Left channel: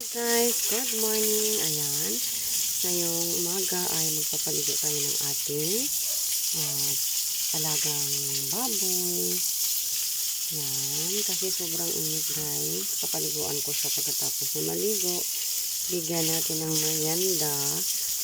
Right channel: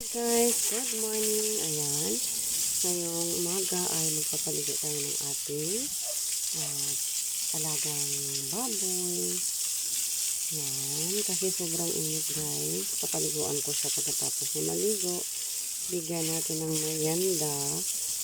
Guys, good morning. Ayan. Ngayong umaga ay magpapaligo tayo ng ating ah, alagang baboy. Yan. Kasi sobrang init guys. Papaliguan ko siya pagkatapos na maligo. Bigyan natin ng merienda.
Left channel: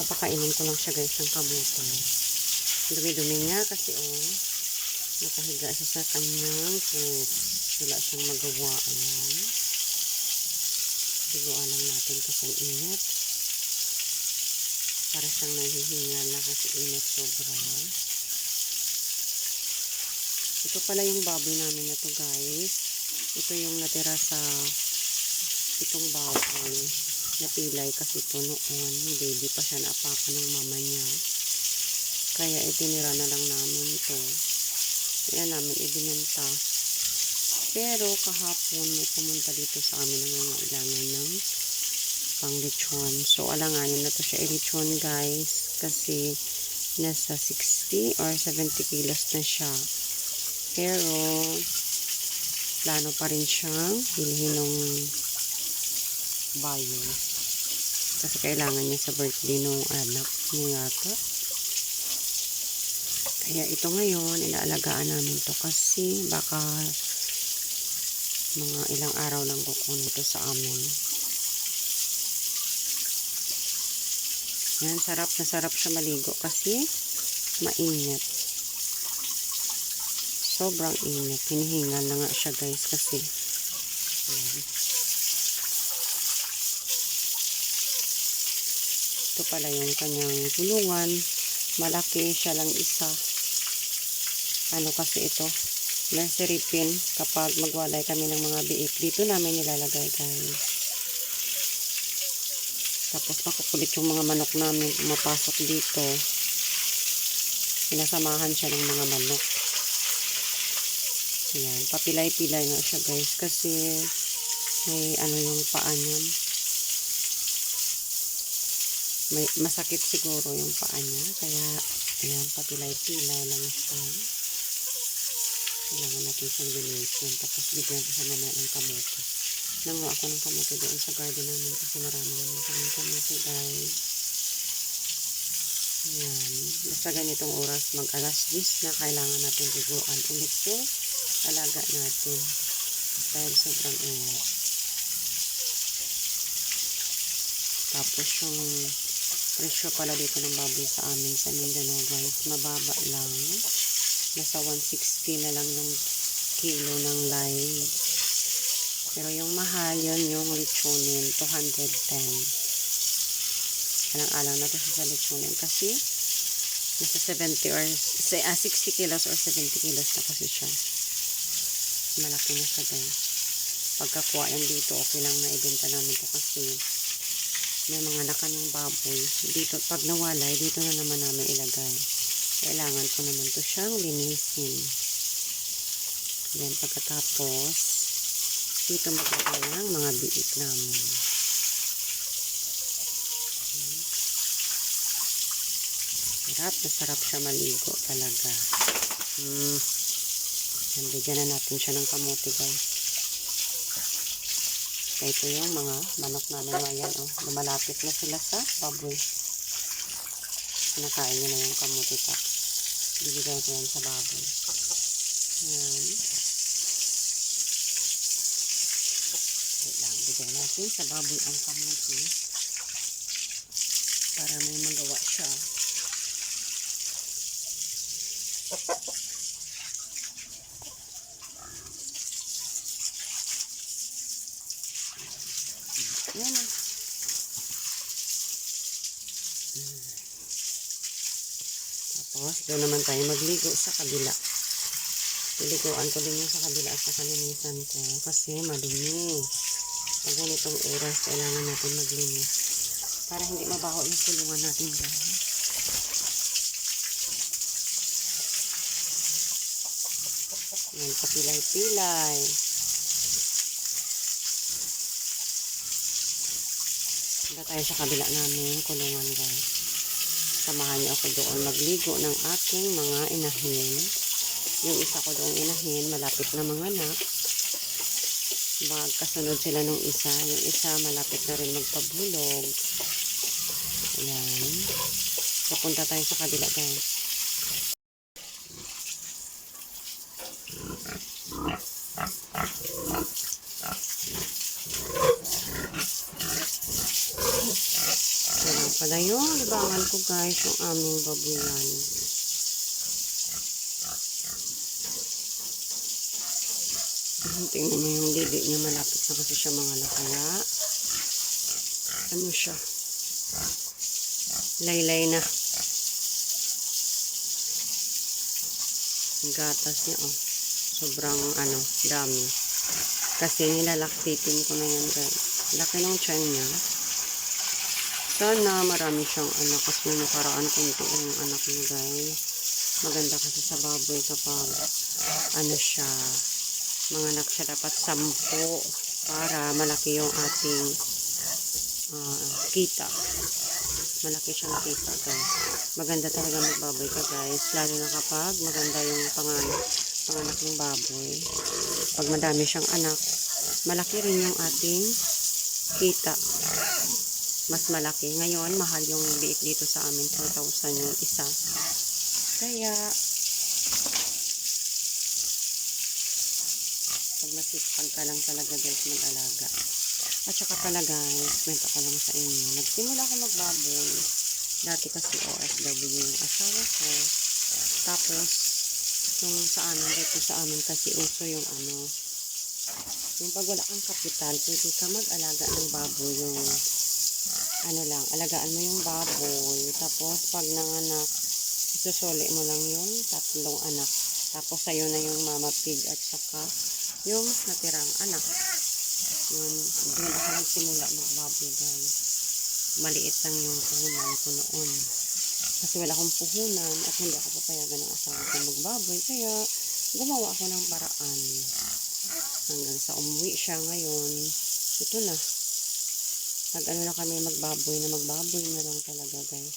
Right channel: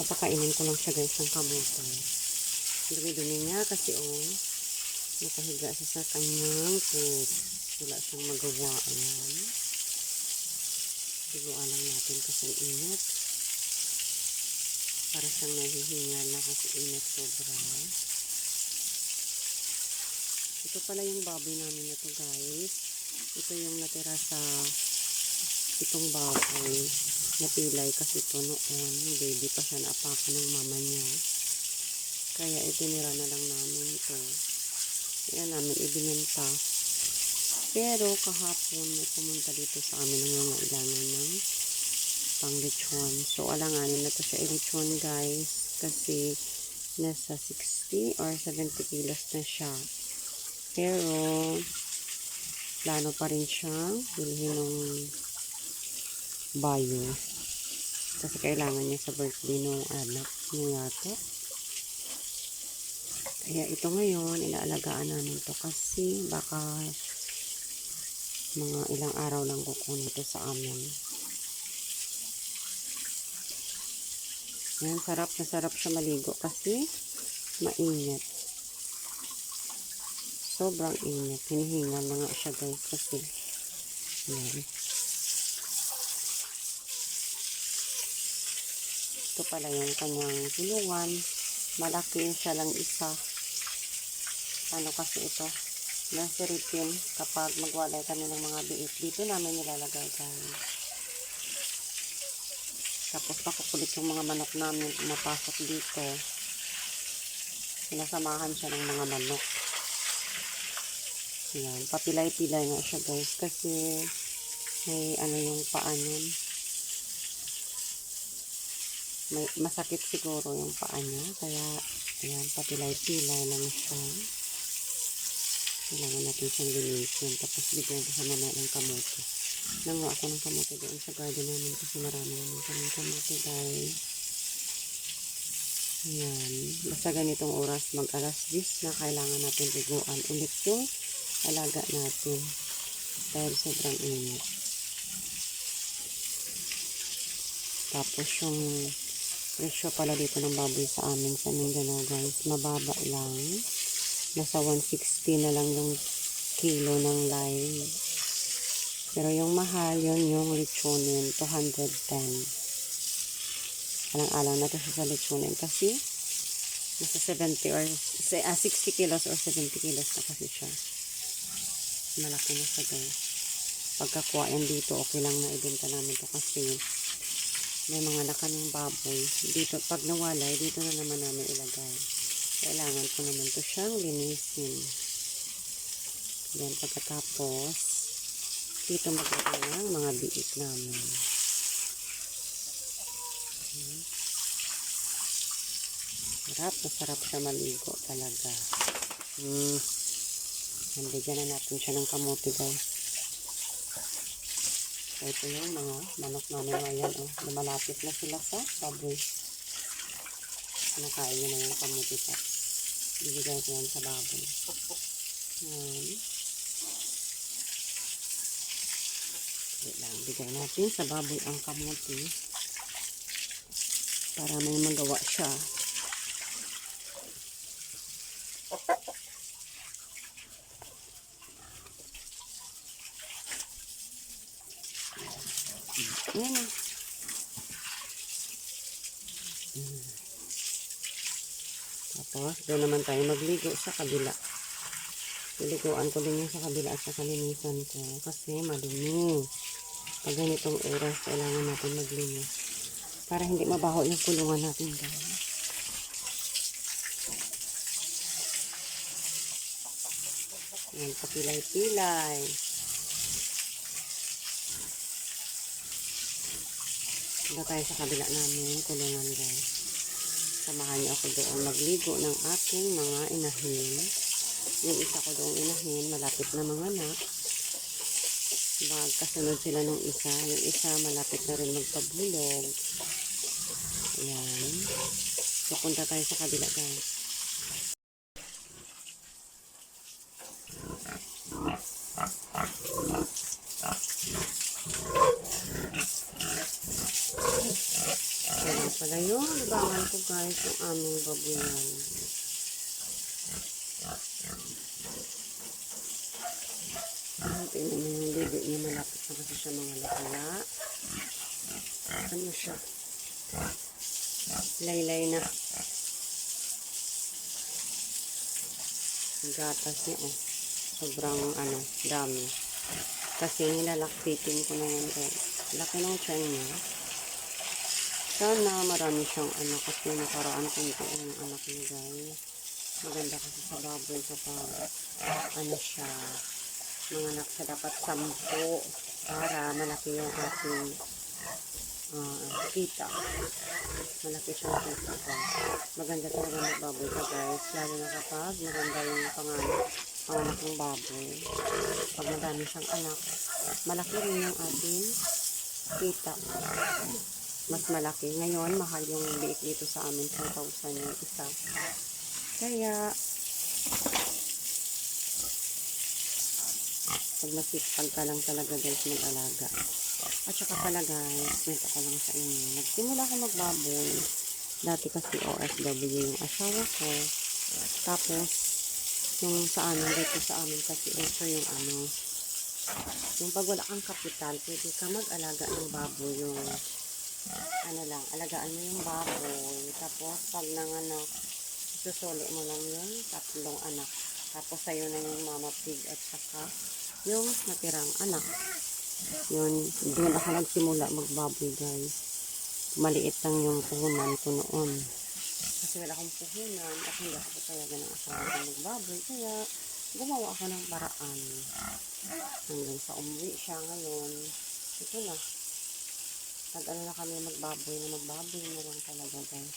Papakainin ko lang siya guys ng kamote. Dumi-dumi niya kasi oh. Nakahiga siya sa kanyang poop. Wala siyang magawa. Ayan. Liguan lang natin kasi ang init. Para siyang nahihingal na kasi init sobra. Ito pala yung baboy namin na to guys. Ito yung natira sa itong baboy. Napilay kasi ito noon. Baby pa siya naapakan ng mama niya. Kaya itinira na lang namin ito. Kaya namin ibinenta. Pero kahapon may pumunta dito sa amin ng mga ilangan ng pang lechon. So alanganin na to siya i-lechon guys kasi nasa 60 or 70 kilos na siya. Pero plano pa rin siyang bilhin ng bayo. Kasi kailangan niya sa birthday ng anak niya yata. Kaya ito ngayon, inaalagaan namin to kasi baka mga ilang araw lang kukunin ito sa amin. Yan, sarap na sarap siya maligo kasi mainit. Sobrang init. Hinihingal na nga siya guys kasi yan. Ito pala yung kanyang tulungan. Malaki siya lang isa. Ano kasi ito? Nursery kapag magwalay kami ng mga biik. Dito namin nilalagay guys. Tapos makukulit yung mga manok namin pumapasok dito. Sinasamahan siya ng mga manok. Ayan, papilay-pilay nga siya guys kasi may ano yung paa niyan. May, masakit siguro yung paa niya. Kaya, ayan, papilay-pilay lang siya. Kailangan natin siyang linisin. Tapos bigyan ko siya mamaya ng kamote. Nanguha ako ng kamote doon sa garden namin kasi marami naman kaming kamote guys. Ayan. Basta ganitong oras mag alas 10 na kailangan natin liguan ulit yung alaga natin. Dahil sobrang init. Tapos yung presyo pala dito ng baboy sa amin sa Mindanao guys. Mababa lang nasa 160 na lang yung kilo ng lime. Pero yung mahal, yun yung lechonin, 210. Alang-alang na to sa lechonin kasi nasa 70 or say, ah, 60 kilos or 70 kilos na kasi siya. Malaki na siya guys. Pagkakuha yan dito, okay lang na ibenta namin to kasi may mga nakaning baboy. Dito, pag nawalay, dito na naman namin ilagay kailangan ko naman to siyang linisin. Then, pagkatapos, dito maglagay ng mga biik namin. Sarap na sarap siya maligo talaga. Hmm. Yan, bigyan na natin siya ng kamote guys. Kaya ito yung mga manok namin ngayon. Oh, lumalapit na sila sa baboy. Kinakain niya na yung kamuti top. Bibigay ko yan sa baboy. Yan. Wait lang. Bigay natin sa baboy ang kamuti. Para may magawa siya. Yan na. Hmm. Tapos, doon naman tayo magligo sa kabila. Piliguan ko din yung sa kabila at sa kalinisan ko kasi madumi. Pag ganitong oras, kailangan natin maglinis para hindi mabaho yung kulungan natin guys. Yan, papilay-pilay. Punta tayo sa kabila namin, kulungan guys. Samahan niyo ako doon magligo ng aking mga inahin. Yung isa ko doong inahin, malapit na mga anak. magkasunod sila nung isa. Yung isa malapit na rin magpabulog. Ayan. Pupunta tayo sa kabila guys. Pala yun. Libangan ko guys yung aming babuyan. Tingnan niyo yung didi niya. Malapit na kasi siya mga lakaya. Ano siya? Laylay na. Ang gatas niya oh. Sobrang ano, dami. Kasi nilalaktitin ko na yan guys. Laki ng tiyan niya. Sana marami siyang anak kasi yung nakaraan kunti yung anak niya guys. Maganda kasi sa baboy kapag ano siya, mga anak siya dapat sampu para malaki yung ating ah, kita. Malaki siyang kita guys. Maganda talaga magbaboy ka guys. Lalo na kapag maganda yung panganak, panganak ng baboy. Pag madami siyang anak, malaki rin yung ating kita mas malaki. Ngayon, mahal yung biik dito sa amin. 4,000 yung isa. Kaya, pag masipag ka lang talaga guys mag-alaga. At saka pala guys, kwento ko lang sa inyo. Nagsimula ako magbaboy. Dati kasi OFW yung asawa ko. Tapos, yung sa amin, dito sa amin kasi uso yung ano, yung pag wala kang kapital, pwede ka mag-alaga ng baboy yung ano lang, alagaan mo yung baboy. Tapos, pag nanganak, isusuli mo lang yung tatlong anak. Tapos, sa'yo na yung mama pig at saka yung natirang anak. Yun, doon ako nagsimula magbaboy, guys. Maliit lang yung puhunan ko noon. Kasi wala akong puhunan at hindi ako papayagan ng asawa ko magbaboy. Kaya, gumawa ako ng paraan. Hanggang sa umuwi siya ngayon. Ito na nag ano na kami magbaboy na magbaboy na lang talaga guys.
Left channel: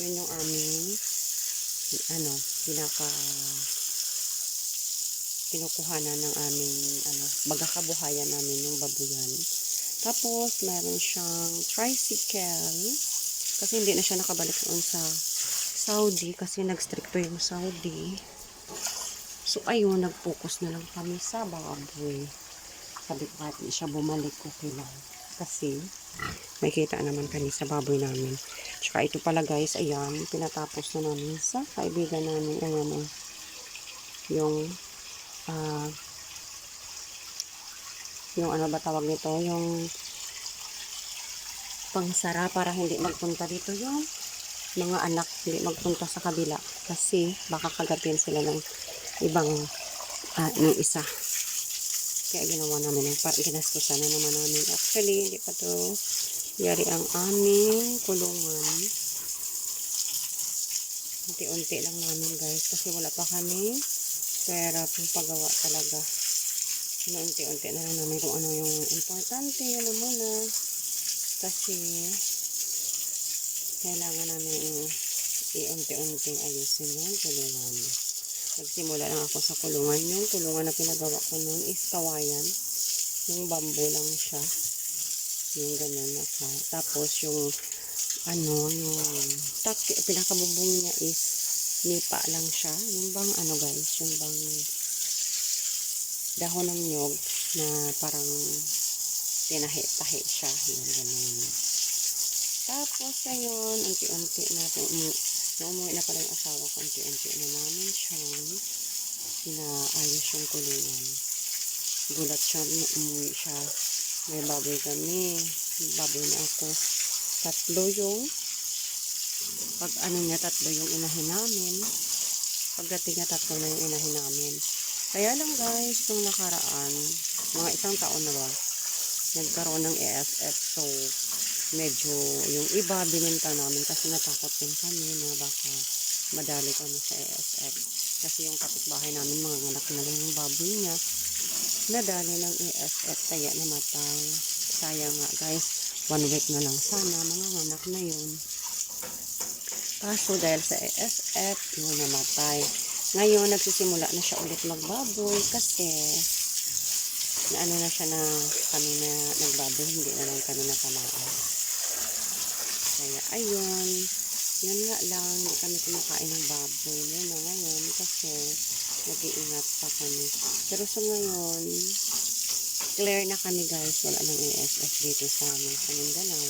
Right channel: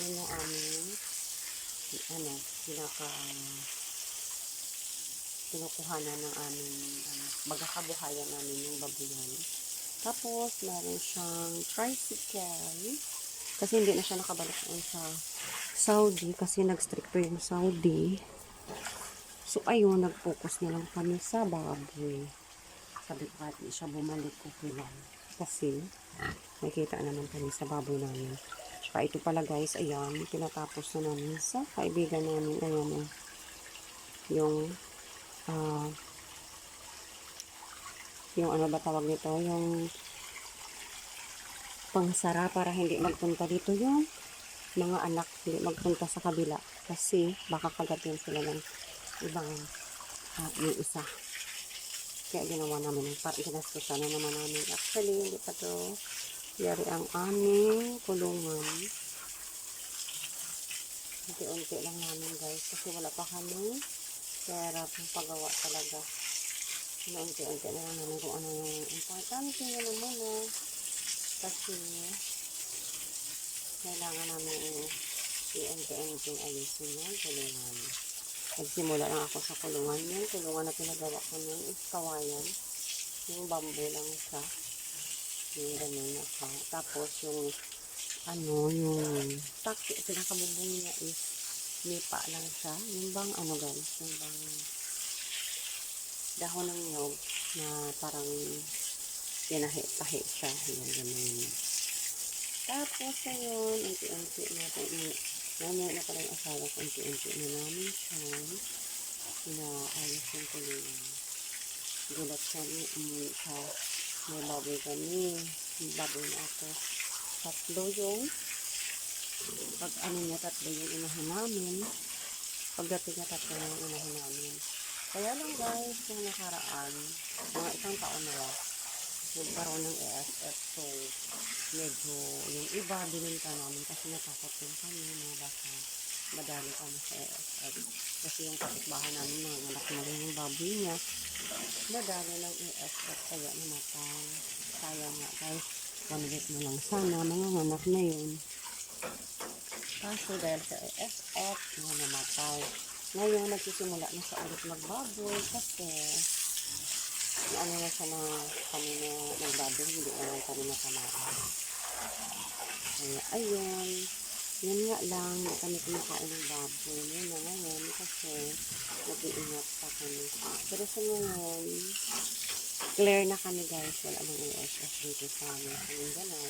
Yun yung aming ano pinaka kinukuhanan ng aming ano bagakabuhayan namin yung babuyan tapos meron siyang tricycle. Kasi hindi na siya nakabalik doon sa Saudi kasi nagstricto yung Saudi. So ayun nag-focus na lang kami sa baboy. Sabi ko kahit siya bumalik okay lang kasi may kita naman kami sa baboy namin. Tsaka ito pala guys, ayan, pinatapos na namin sa kaibigan namin. Ayan o. Yung, ah, yung ano ba tawag nito? Yung pangsara para hindi magpunta dito yung mga anak hindi magpunta sa kabila kasi baka kagatin sila ng ibang uh, ng isa kaya ginawa namin ginastusan na naman namin. Actually, hindi pa to yari ang aming kulungan. Unti-unti lang namin guys. Kasi wala pa kami pera pang pagawa talaga. Unti-unti na lang namin kung ano yung importante. Yun na. Kasi kailangan namin i-unti-unting ayusin yung kulungan. Nagsimula lang ako sa kulungan yun. Kulungan na pinagawa ko nun is kawayan. Yung bamboo lang siya. Yung ganun ako. Tapos yung ano, yung taki, pinakabubong niya is nipa lang siya. Yung bang ano guys, yung bang dahon ng nyog na parang tinahi-tahi siya. Yung ganun. Tapos ngayon, unti-unti natin Namuwi na pala yung asawa ko, unti-unti na namin siyang inaayos yung kulungan. Gulat siya, umuwi siya. May baboy kami. Baboy na ako. Tatlo yung pag ano niya, tatlo yung inahin namin. Pagdating niya, tatlo na yung inahin namin. Kaya lang guys, nung nakaraan, mga isang taon na ba, nagkaroon ng EFF. So, medyo yung iba binenta namin kasi natakot din kami na baka madali kami sa ESF. Kasi yung kapitbahay namin, mga anak na rin yung baboy niya, nadali ng ESF kaya namatay. Sayang nga guys, one week na lang sana, mga anak na yun. Kaso dahil sa ESF, yun namatay. Ngayon, nagsisimula na siya ulit magbaboy kasi ano na siya na kami na nagbaboy, hindi na lang kami natamaan. Kaya ayun, yun nga lang, hindi kami kumakain ng baboy. Yun na ngayon kasi nag-iingat pa kami. Pero sa ngayon, clear na kami guys. Wala nang ASF dito sa amin sa Mindanao.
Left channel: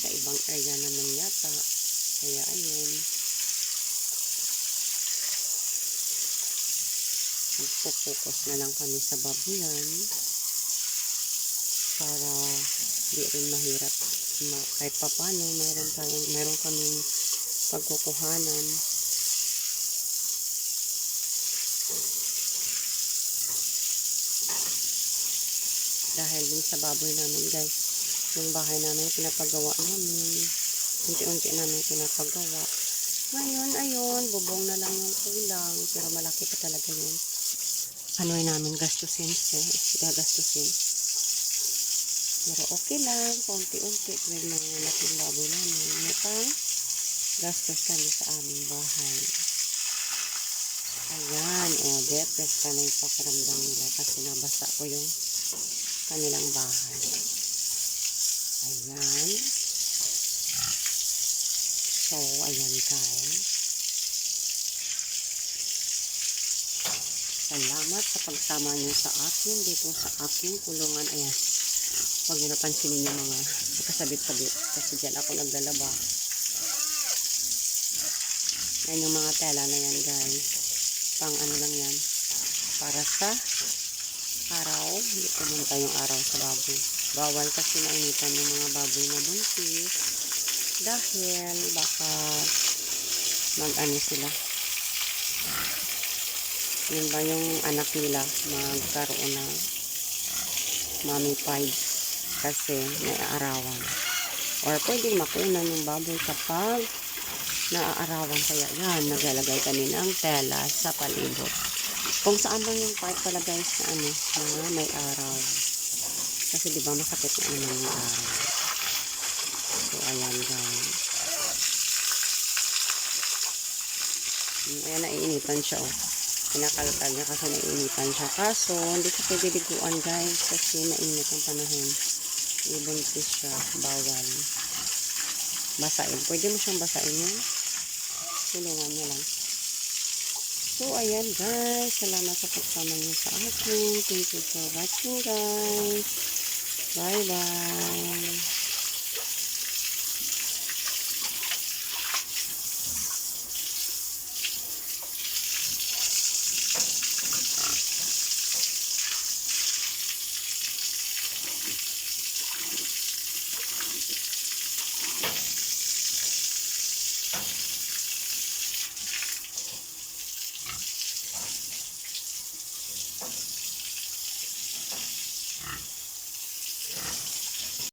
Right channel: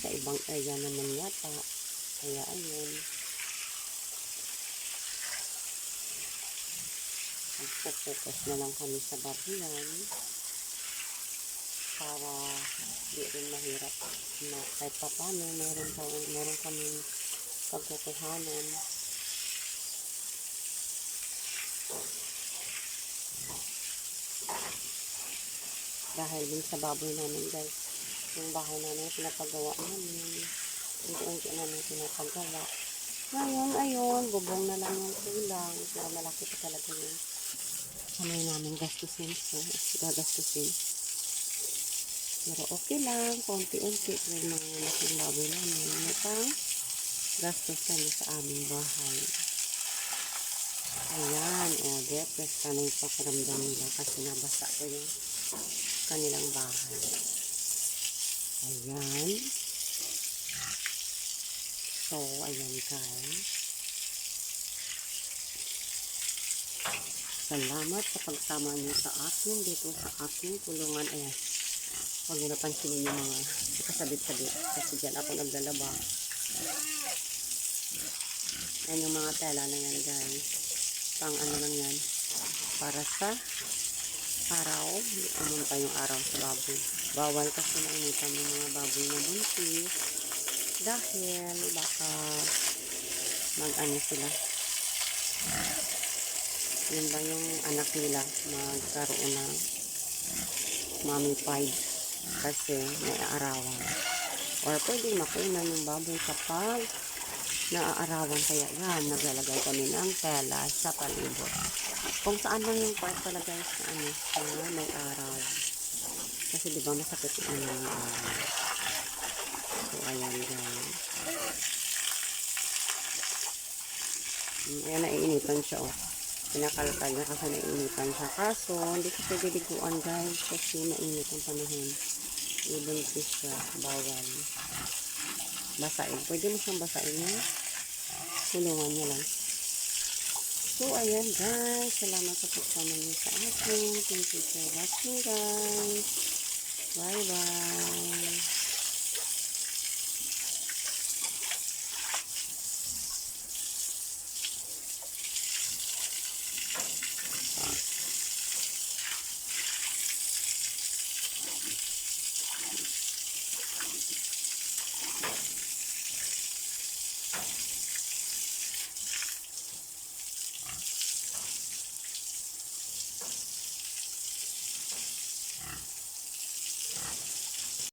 Sa ibang area naman yata. Kaya ayun. Magpo-focus na lang kami sa babuyan para di rin mahirap na kahit papano meron, tayong, meron kaming pagkukuhanan. Dahil din sa baboy namin guys yung bahay namin pinapagawa namin. Unti-unti namin pinapagawa. Ngayon ayun bubong na lang yung kulang pero malaki pa talaga yun ano namin gastusin so gagastusin pero okay lang konti-unti tuwing mga anak ng baboy namin may pang gastos kami sa aming bahay ayan o oh, depressed ka na yung pakiramdam nila kasi nabasa ko yung kanilang bahay. Ayan. So, ayan guys. Salamat sa pagsama niyo sa akin dito sa aking kulungan. Ayan. Huwag niyo napansinin yung mga nakasabit-sabit. Kasi dyan ako naglalaba. Ayan yung mga tela na yan guys. Pang ano lang yan. Para sa araw, hindi pumunta yung araw sa baboy. Bawal kasi nainitan yung mga baboy na buntis dahil baka mag-ano sila. Yun ba yung anak nila? Magkaroon ng mommy pied kasi may aarawan. Or pwedeng makunan yung baboy kapag naaarawan. Kaya yan, naglalagay kami ng tela sa palibot. Kung saan lang yung part pala guys na ano na may araw kasi di ba masakit na ano yung araw so ayan guys. Ayan naiinitan siya oh pinakalkal niya kasi naiinitan siya kaso hindi siya pwede liguan guys kasi mainit ang panahon ibuntis siya bawal basain pwede mo siyang basain yung tulungan niya lang So, ayan guys. Salamat sa pagsama niyo sa akin. Thank you for watching guys. Bye-bye.